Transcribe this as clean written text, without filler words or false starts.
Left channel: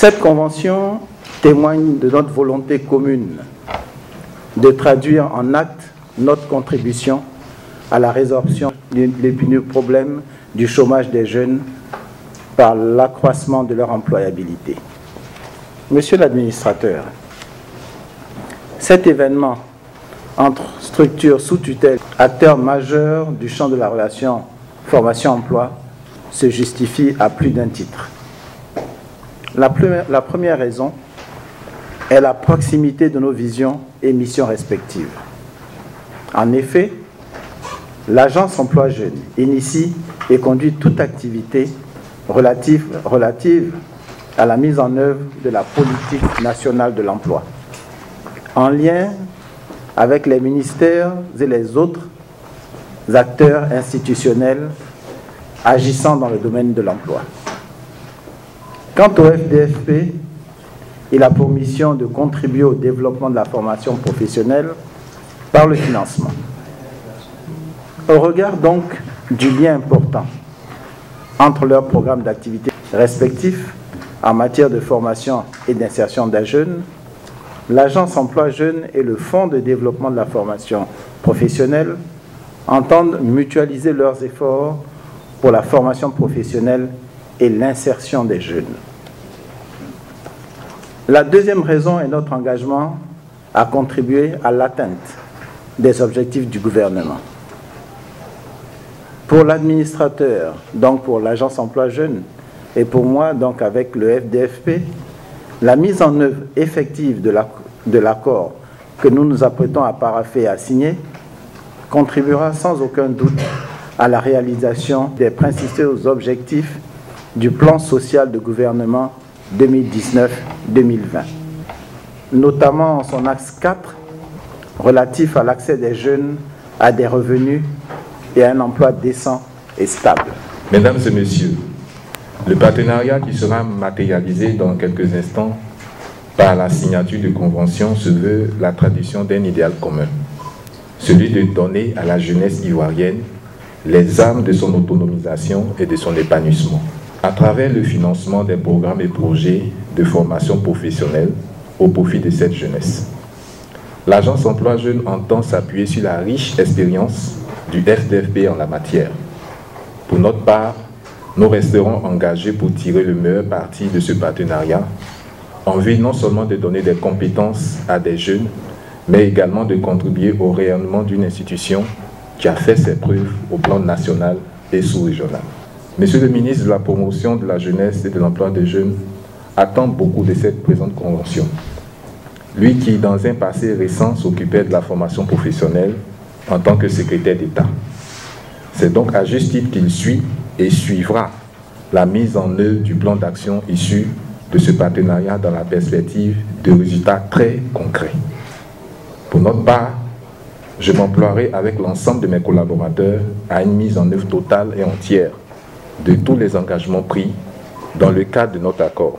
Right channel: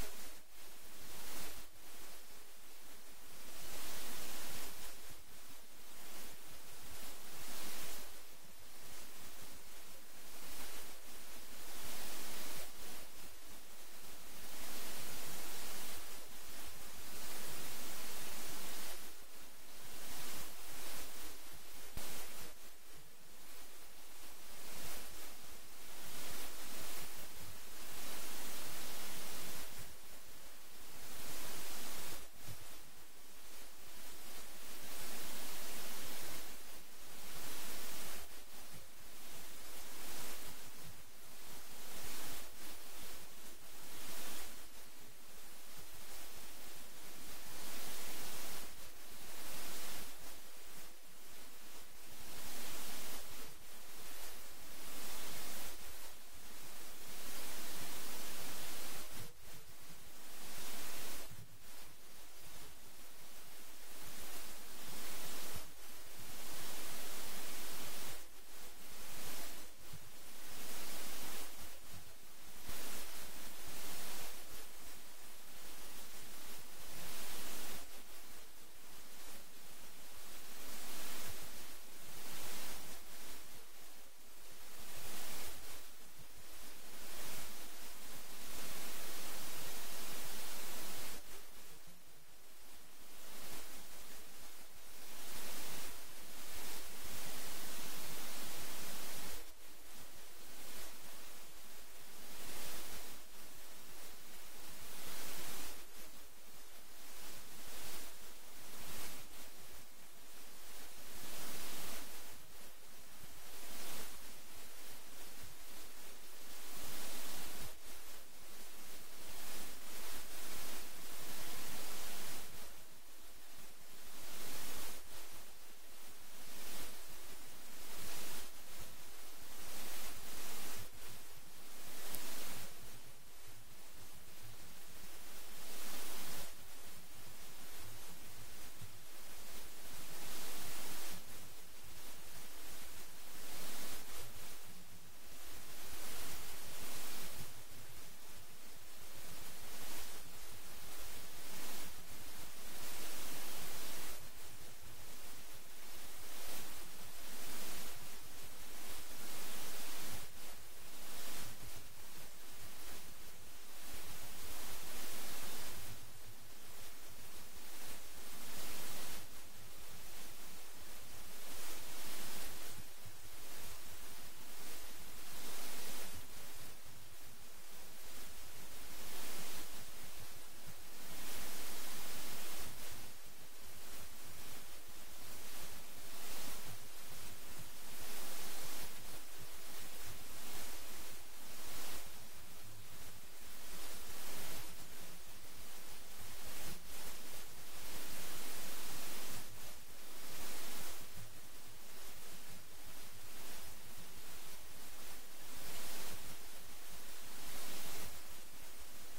Cette convention témoigne de notre volonté commune de traduire en actes notre contribution à la résorption de l'épineux problème du chômage des jeunes par l'accroissement de leur employabilité. Monsieur l'administrateur, cet événement entre structures sous tutelle, acteurs majeurs du champ de la relation formation-emploi, se justifie à plus d'un titre. La première raison est la proximité de nos visions et missions respectives. En effet, l'Agence Emploi Jeunes initie et conduit toute activité relative à la mise en œuvre de la politique nationale de l'emploi, en lien avec les ministères et les autres acteurs institutionnels agissant dans le domaine de l'emploi. Quant au FDFP, il a pour mission de contribuer au développement de la formation professionnelle par le financement. Au regard donc du lien important entre leurs programmes d'activité respectifs en matière de formation et d'insertion des jeunes, l'Agence Emploi Jeunes et le Fonds de développement de la formation professionnelle entendent mutualiser leurs efforts pour la formation professionnelle et l'insertion des jeunes. La deuxième raison est notre engagement à contribuer à l'atteinte des objectifs du gouvernement. Pour l'administrateur, donc pour l'Agence Emploi Jeunes, et pour moi, donc avec le FDFP, la mise en œuvre effective de l'accord que nous nous apprêtons à parapher et à signer contribuera sans aucun doute à la réalisation des principaux objectifs du plan social de gouvernement 2019-2020, notamment en son axe 4 relatif à l'accès des jeunes à des revenus et à un emploi décent et stable. Mesdames et messieurs, le partenariat qui sera matérialisé dans quelques instants par la signature de convention se veut la tradition d'un idéal commun, celui de donner à la jeunesse ivoirienne les armes de son autonomisation et de son épanouissement, à travers le financement des programmes et projets de formation professionnelle au profit de cette jeunesse. L'Agence Emploi Jeunes entend s'appuyer sur la riche expérience du FDFP en la matière. Pour notre part, nous resterons engagés pour tirer le meilleur parti de ce partenariat, en vue non seulement de donner des compétences à des jeunes, mais également de contribuer au rayonnement d'une institution qui a fait ses preuves au plan national et sous-régional. Monsieur le ministre de la Promotion de la Jeunesse et de l'Emploi des Jeunes attend beaucoup de cette présente convention. Lui qui, dans un passé récent, s'occupait de la formation professionnelle en tant que secrétaire d'État. C'est donc à juste titre qu'il suit et suivra la mise en œuvre du plan d'action issu de ce partenariat dans la perspective de résultats très concrets. Pour notre part, je m'emploierai avec l'ensemble de mes collaborateurs à une mise en œuvre totale et entière de tous les engagements pris dans le cadre de notre accord.